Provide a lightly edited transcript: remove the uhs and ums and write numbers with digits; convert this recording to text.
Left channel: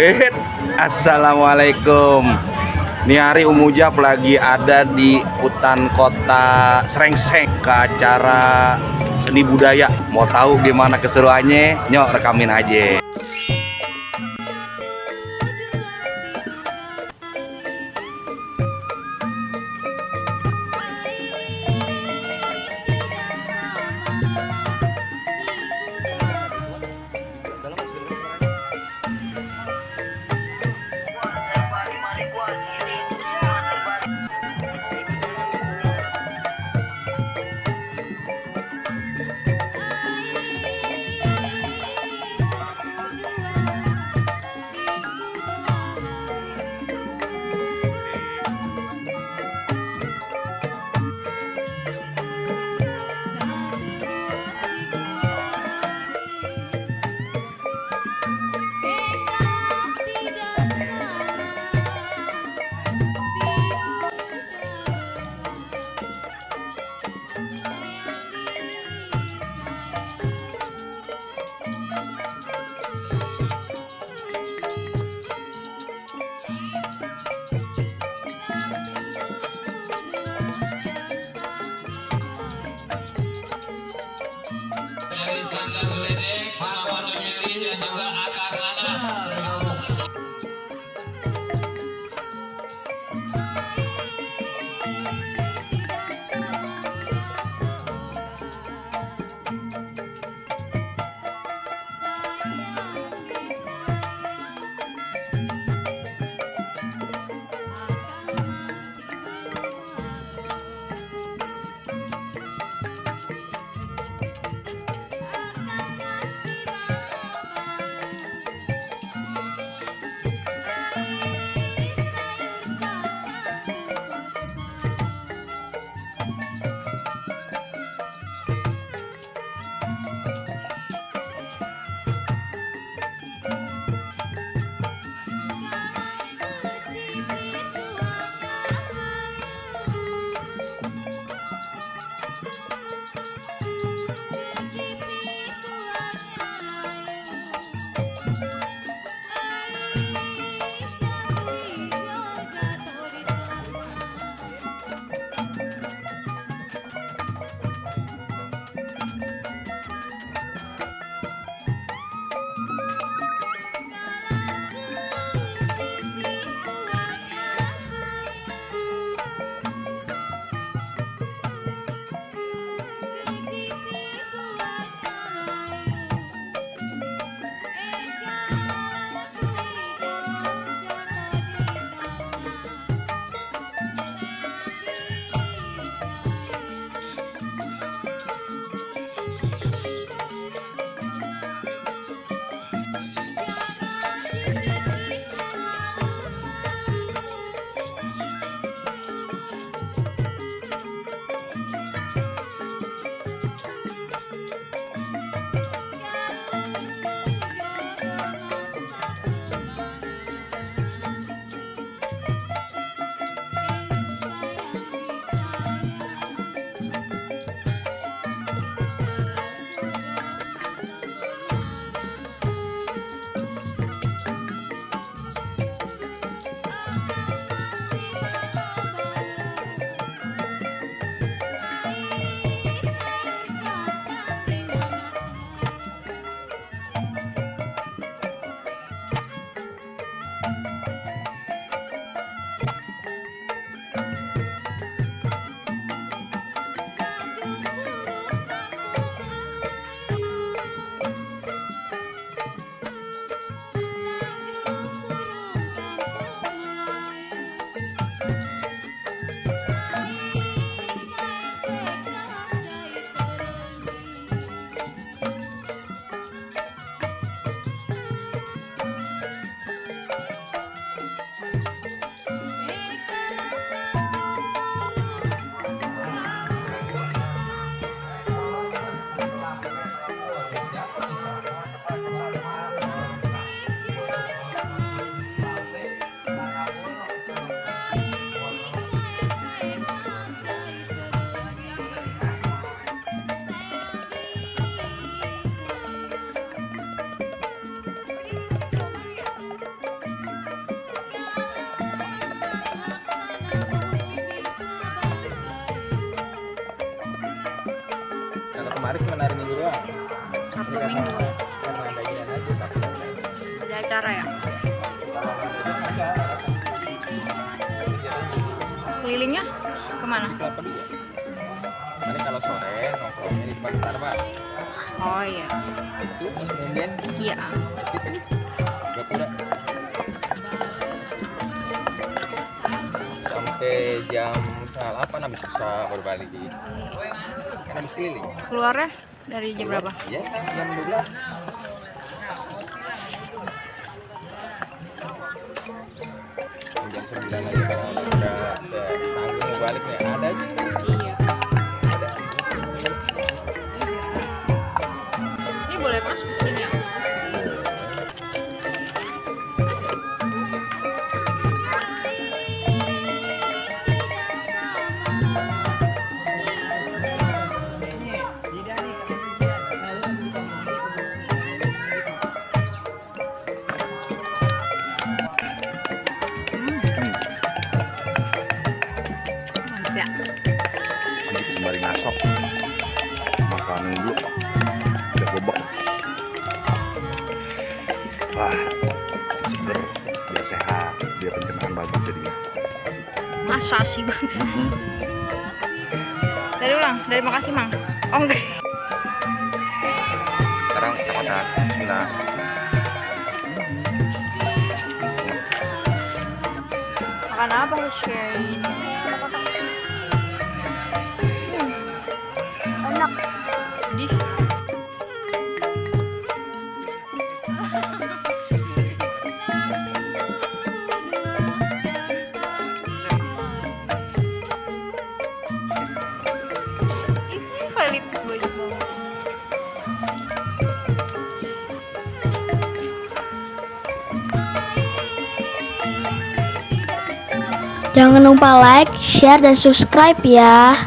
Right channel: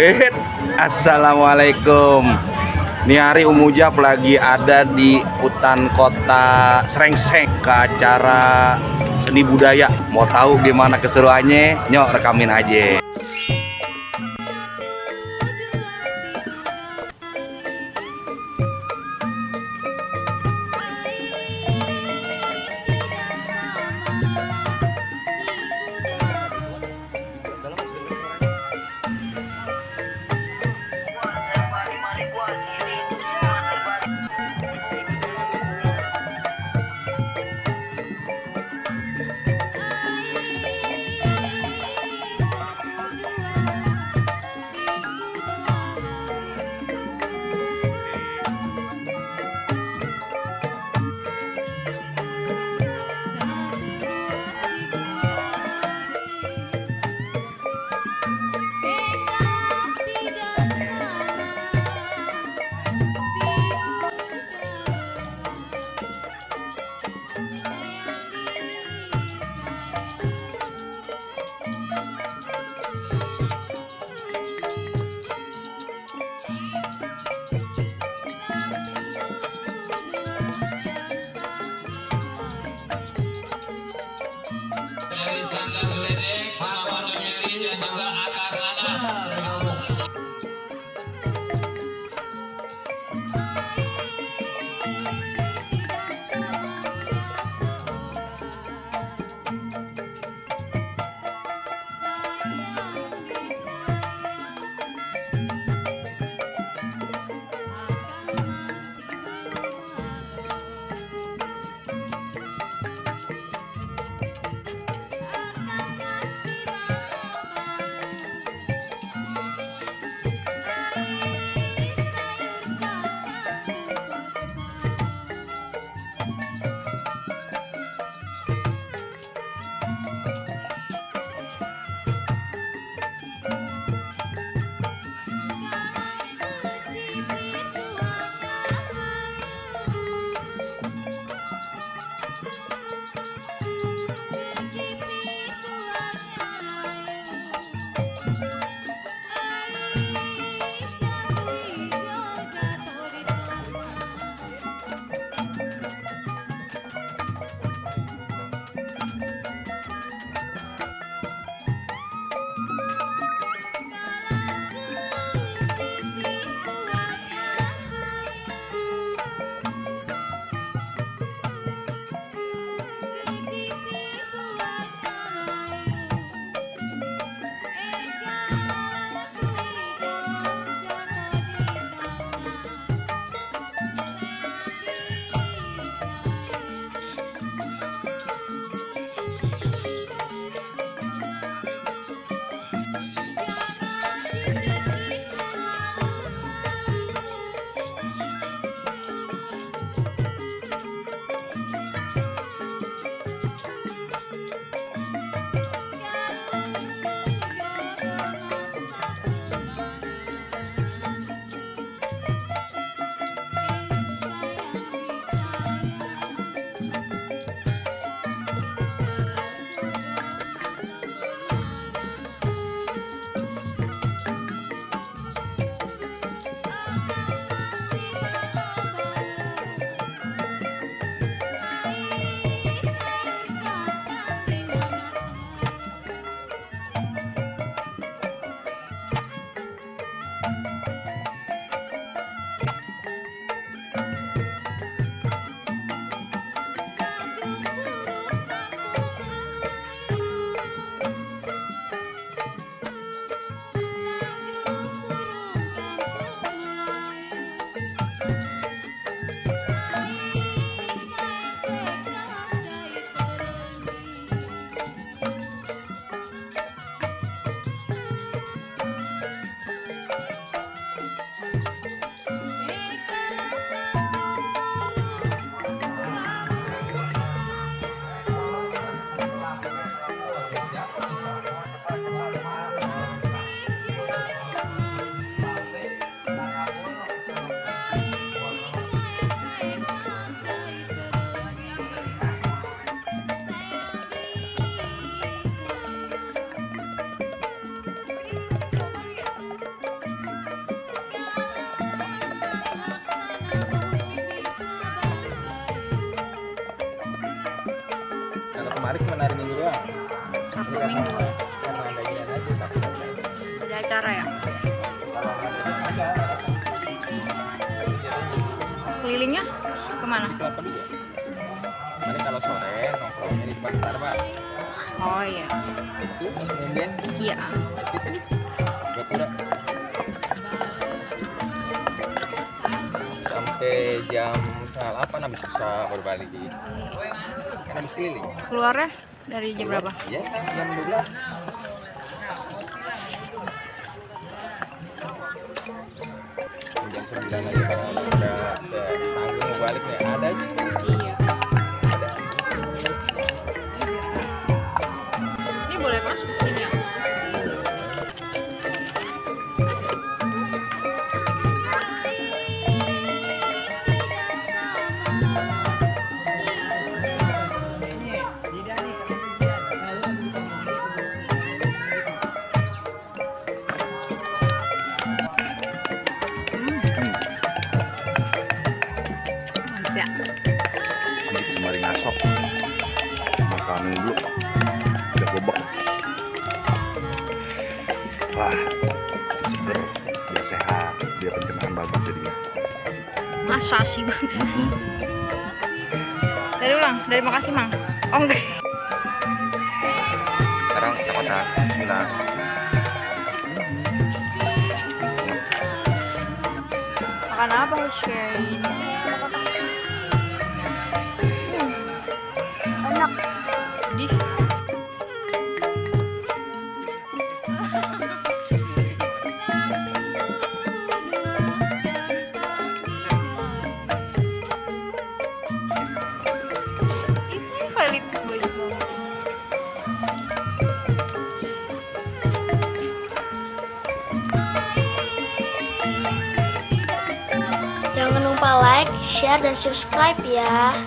Eh, Assalamualaikum. Ini hari Umujab lagi ada di hutan kota Srengseng ke acara seni budaya. Mau tahu gimana keseruannya? Nyok rekamin aja. Dari sanggar geledek sama warna merah dan juga akar nanas. Siapa bisa? kemarin cuma hari Minggu doang. Sabtu Ini Minggu. karena ada ginian aja Sabtu ada. Ada acara ya? Kalau nggak ada itu enggak datang. Jadi jatuhnya Kelilingnya kemana? kelapa dulu. Nanti kalau sore nongkrongnya di depan Starbucks. Oh iya. Itu pas ngomben Iya. Gapura. Sampai jam 8 habis bisa baru balik. Kan habis keliling. Keluarnya dari jam berapa? Ya, jam 12. Jam 9 aja karena ada tanggung mau balik nih. Ada aja. Iya. Ada. Ini boleh masuk sini ya? Mantap ya. Ambil sembari ngasok. Makanin dulu. Udah bobok. Wah, seger. Biar sehat, biar pencernaan bagus jadinya. Masa sih bang? Dari ulang, dari makasih mang. Oh enggak. Sekarang kita kotak. Bismillah. Makan apa Hussein? Enak. Di. Ini eukaliptus banyak banget. Jangan lupa like, share, dan subscribe ya.